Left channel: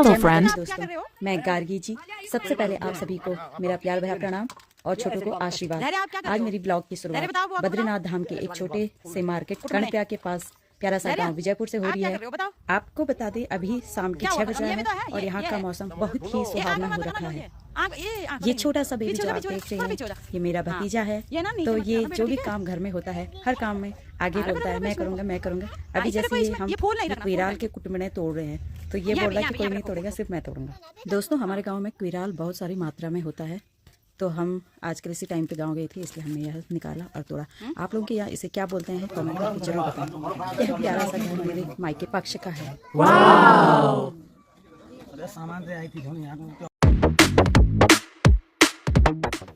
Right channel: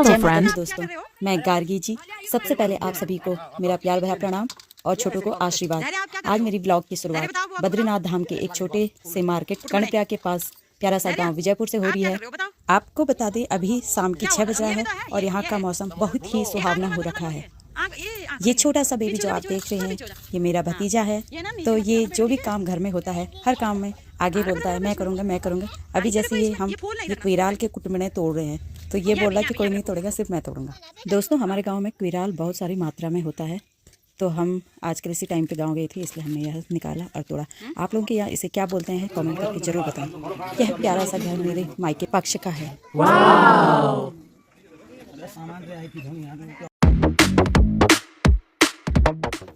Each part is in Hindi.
Hello friend. दोस्तों, मैं गार्गी जी। सबसे पहले आप सभी को मेरा प्यार भरा प्रणाम और छोटों को आशीर्वाद। आज मेरी ब्लॉग की शुरुआत बद्रीनाथ धाम के एक छोटे से मार्केट कर्णप्रयाग के पास प्यारा सा गांव विजयपुर से हो रही है। आपको बता दें, अभी शाम के 6 बज रहा है और यहाँ का मौसम बहुत ही सुहावना हो रखा है। ये छोटा सा बेबी जो आप देख रहे हैं, ये मेरा भतीजा है। तो ये जो भी काम घर में होता है, हर काम में आगे बोलता है मैं करूँगा मैं करूँगा। अभी जैसे ये हम ये क्विराल के कुटुम्बे तोड़ रहे हैं, तो ये बोल रहा है कि कोई नहीं तोड़ेगा, सिर्फ मैं तोड़ूंगा। दोस्तों, हमारे गांव में क्विराल बहुत सारी मात्रा में होता है, तो हम आजकल इसी टाइम पे गांव गए थे, इसलिए हमने यह निकाला और तोड़ा। आप लोगों के यहाँ इसे क्या बोलते हैं कमेंट करके जरूर बताएं। यह प्यारा सा घर मेरे मायके पक्ष का है।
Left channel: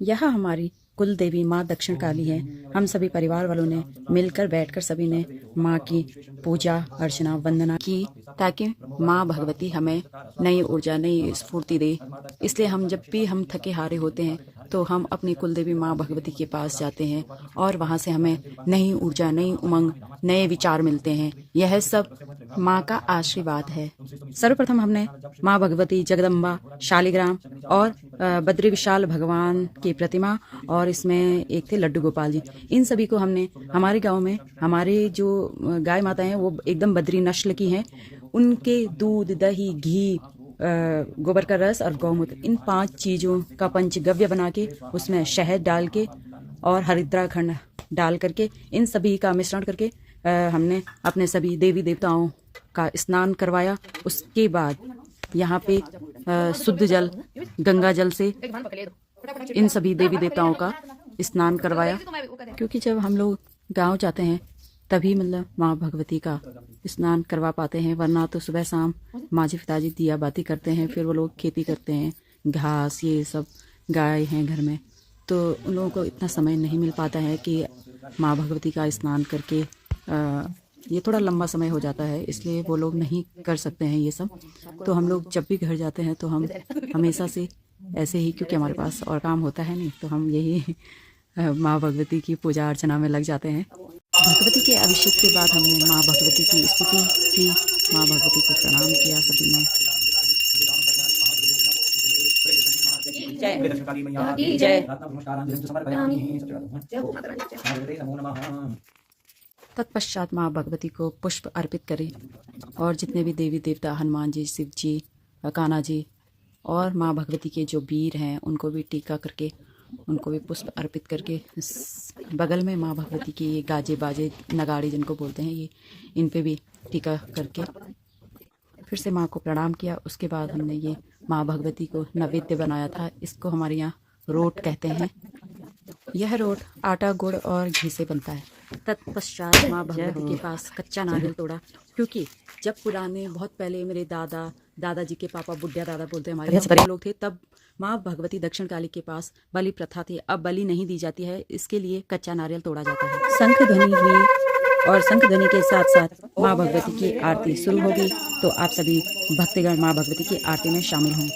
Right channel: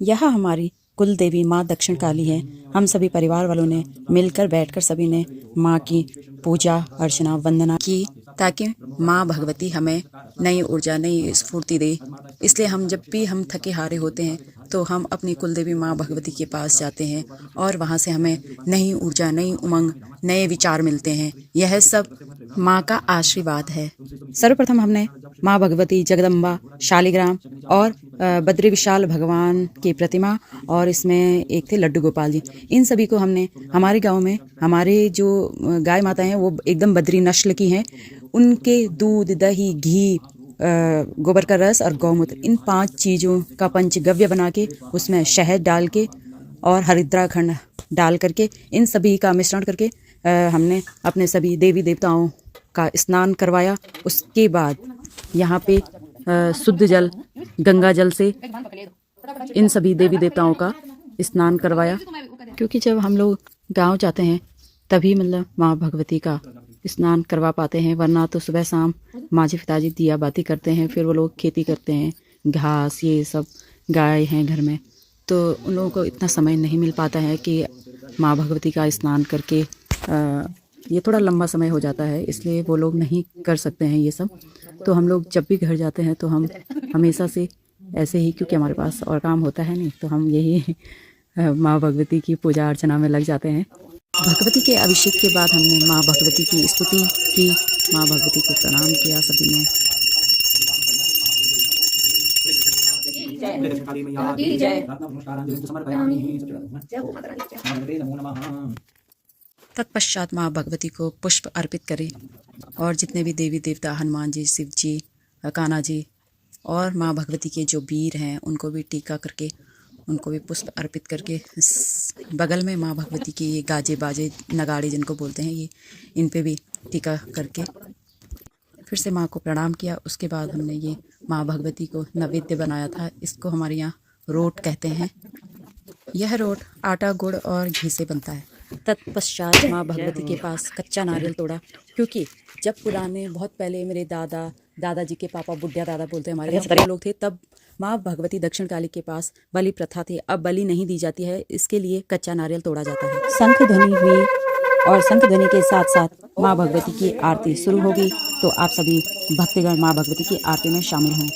यह हमारी कुल देवी माँ दक्षिण काली है। हम सभी परिवार वालों ने मिलकर बैठकर सभी ने माँ की पूजा अर्चना वंदना की, ताकि माँ भगवती हमें नई ऊर्जा नई स्फूर्ति दे। इसलिए हम जब भी हम थके हारे होते हैं तो हम अपनी कुल देवी माँ भगवती के पास जाते हैं और वहाँ से हमें नई ऊर्जा नई उमंग नए विचार मिलते हैं। यह सब माँ का आशीर्वाद है। सर्वप्रथम हमने माँ भगवती जगदम्बा शालिग्राम और बद्री विशाल भगवान की प्रतिमा और इसमें एक थे लड्डू गोपाल जी, इन सभी को हमने हमारे गांव में हमारे जो गाय माताएं हैं वो एकदम बद्री नस्ल की हैं, उनके दूध दही घी गोबर का रस और गौमूत्र, इन 5 चीज़ों का पंचगव्य बना के उसमें शहद डाल के और हरिद्राखंड डाल करके इन सभी का मिश्रण करके हमने अपने सभी देवी देवताओं का स्नान करवाया। उसके बाद यहाँ पे शुद्ध जल गंगा जल से इन सभी देवी देवताओं का स्नान करवाया, क्योंकि जब हम लोग गांव जाते हैं तभी मतलब माँ भगवती का स्नान करवा पाते हैं, वरना तो सुबह शाम माँ जी पिताजी दिया बाती करते हैं, फिर वो लोग खेती करते हैं, घास ये सब गाय हैं घर में, तो उन लोगों को इतना समय नहीं मिल पाता है कि माँ भगवती का स्नान करके ये थोड़ा लंबा समय हो जाता है, इसलिए वो लोग नहीं कर सकते हैं ये सब। तो हम लोग जब भी घर जाते हैं तो हम हमेशा से ऐसे ही, क्योंकि हमारे पास और काम होता है नहीं, तो हम यही माँ भगवती की पूजा अर्चना में लग जाते हैं। भगवती के अभिषेक के बाद हमने माँ भगवती की स्तुति की, माँ भगवती को प्रणाम किया सभी ने। तत्पश्चात माँ भगवती को पुष्प अर्पित करें और जितने भी देवी देवता हनुमान जी, शिव जी, कान्हा जी और माँ भगवती के जो वीर हैं उनको भी टीका करके उनको भी पुष्प अर्पित करके बगल में माँ भगवती की ये गाजे बाजे नगाड़े जिनको बोलते हैं, ये इन पे भी टीका करके फिर से माँ को प्रणाम किया। उसके बाद हमने ये माँ भगवती को नैवेद्य बनाया था, इसको हमारे यहाँ रोट कहते हैं। यह रोट आटा गुड़ और घी से बनता है। तत्पश्चात माँ भगवती के पास कच्चा नारियल तोड़ा, क्योंकि जब पुराने बहुत पहले मेरे दादाजी के पापा बुढ़िया दादा बोलते हैं हमारे यहाँ लोग थे, तब माँ भगवती दक्षिण काली के पास बलि प्रथा थी। अब बलि नहीं दी जाती है, इसके लिए कच्चा नारियल तोड़ा जाता है। शंख ध्वनि हुई और शंख ध्वनि के साथ साथ माँ भगवती की आरती शुरू होगी, तो आप सभी भक्तगण माँ भगवती की आरती में शामिल हों।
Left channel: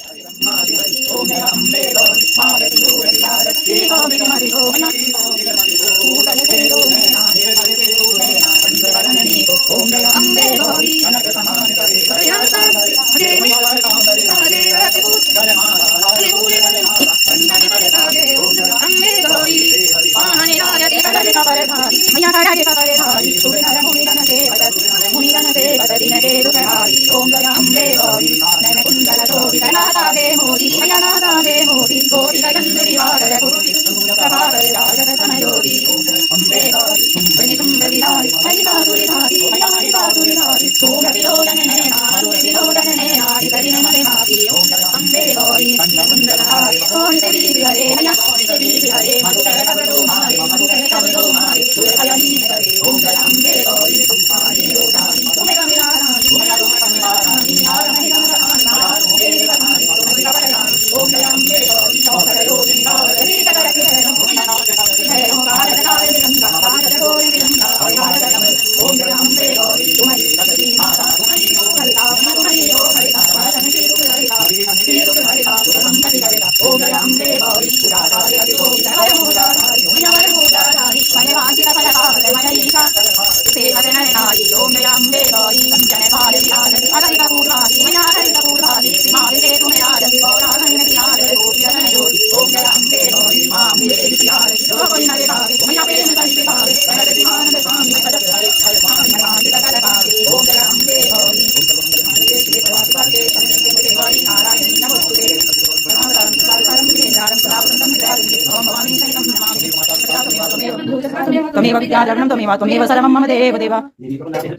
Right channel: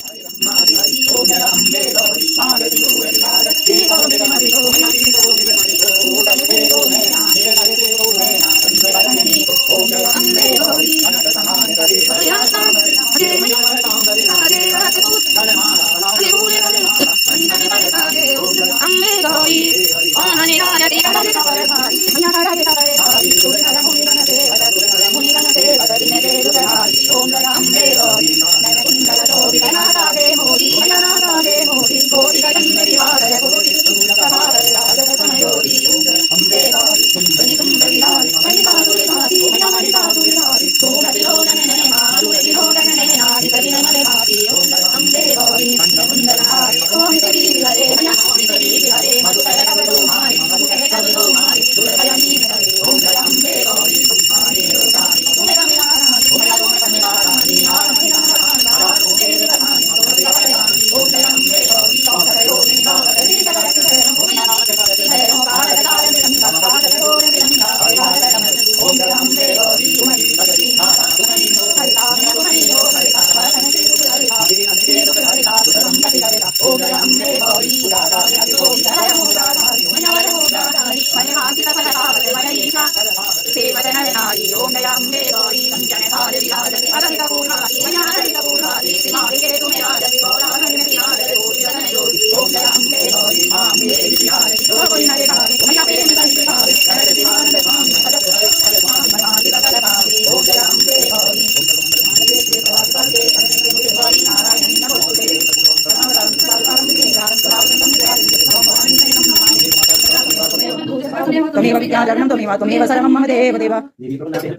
त्वमेव विद्यालग्नं त्वमेव त्वमेव सर्वं मम देवदेव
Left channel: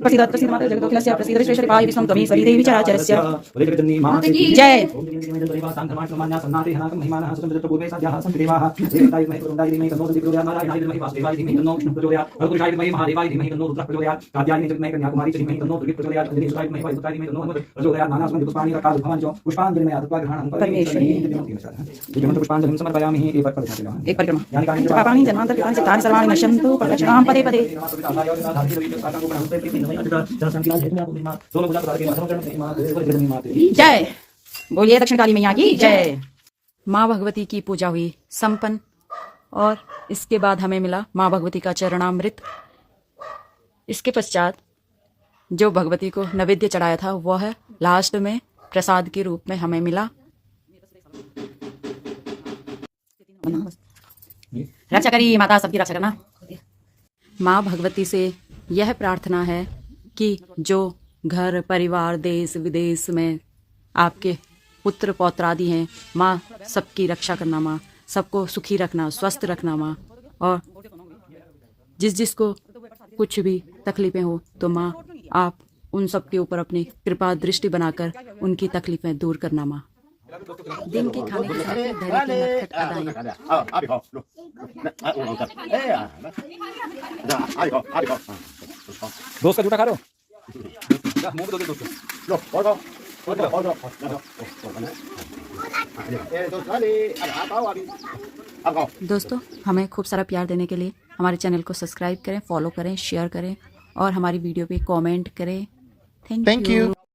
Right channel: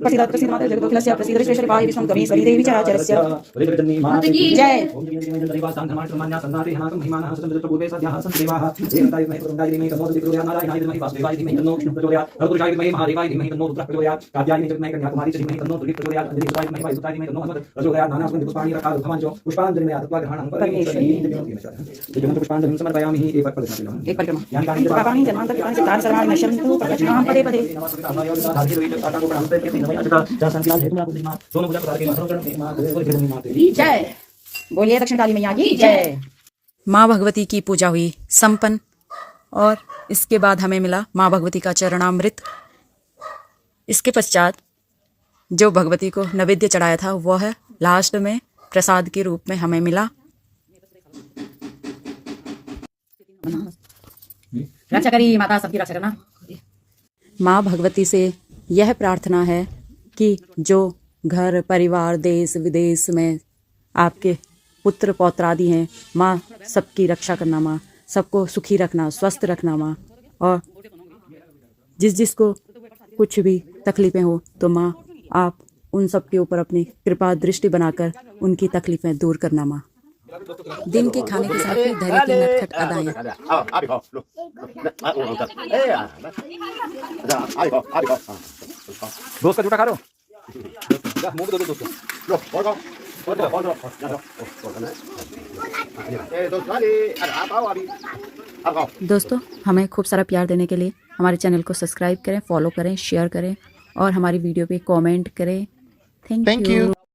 प्रसीद प्रसीद माता जगदोखिलस्य प्रसीद श्रेष्ठपाहि विश्वं त्वमेश्वरी देवी चराचरस्य जय। एक परिक्रमा नश्यन्तु प्रदक्षिणां पदे पदे। जय बोलिए दक्षिण काली मैया की जय। माँ भगवती की पूजा हुई संपन्न और इसके बाद हमें मिला माँ भगवती का चरणामृत। इसके पश्चात जो भगवती को नैवेद्य चढ़ाया था वह लास्ट में प्रसाद के रूप में हमें मिला। रक्षा करी माता, सबकी रक्षा करना। माँ भगवती से यह प्रार्थना है कि जो घर परिवार देश विदेश में आपके पुत्र पौत्र आदि हैं, माँ सबकी रक्षा करना, माँ सबको सुखी रखना, स्वस्थ रखना माँ। और जिस जिसको कुछ भी तकलीफें हो तो माँ आप उन सब के ऊपर अपनी कृपा दृष्टि बनाकर उनकी तकलीफें दूर करना माँ। दिन के खाने के साथ ही धैर्य की नटखट अदाएं। दोस्त का जूठा खा रहे हो? दोस्तों हमें खूब सारा प्यार देने के लिए हमारे चैनल को सब्सक्राइब करें, फॉलो करें, शेयर करें और हमारी वीडियो पे कमेंट करें। Thank you.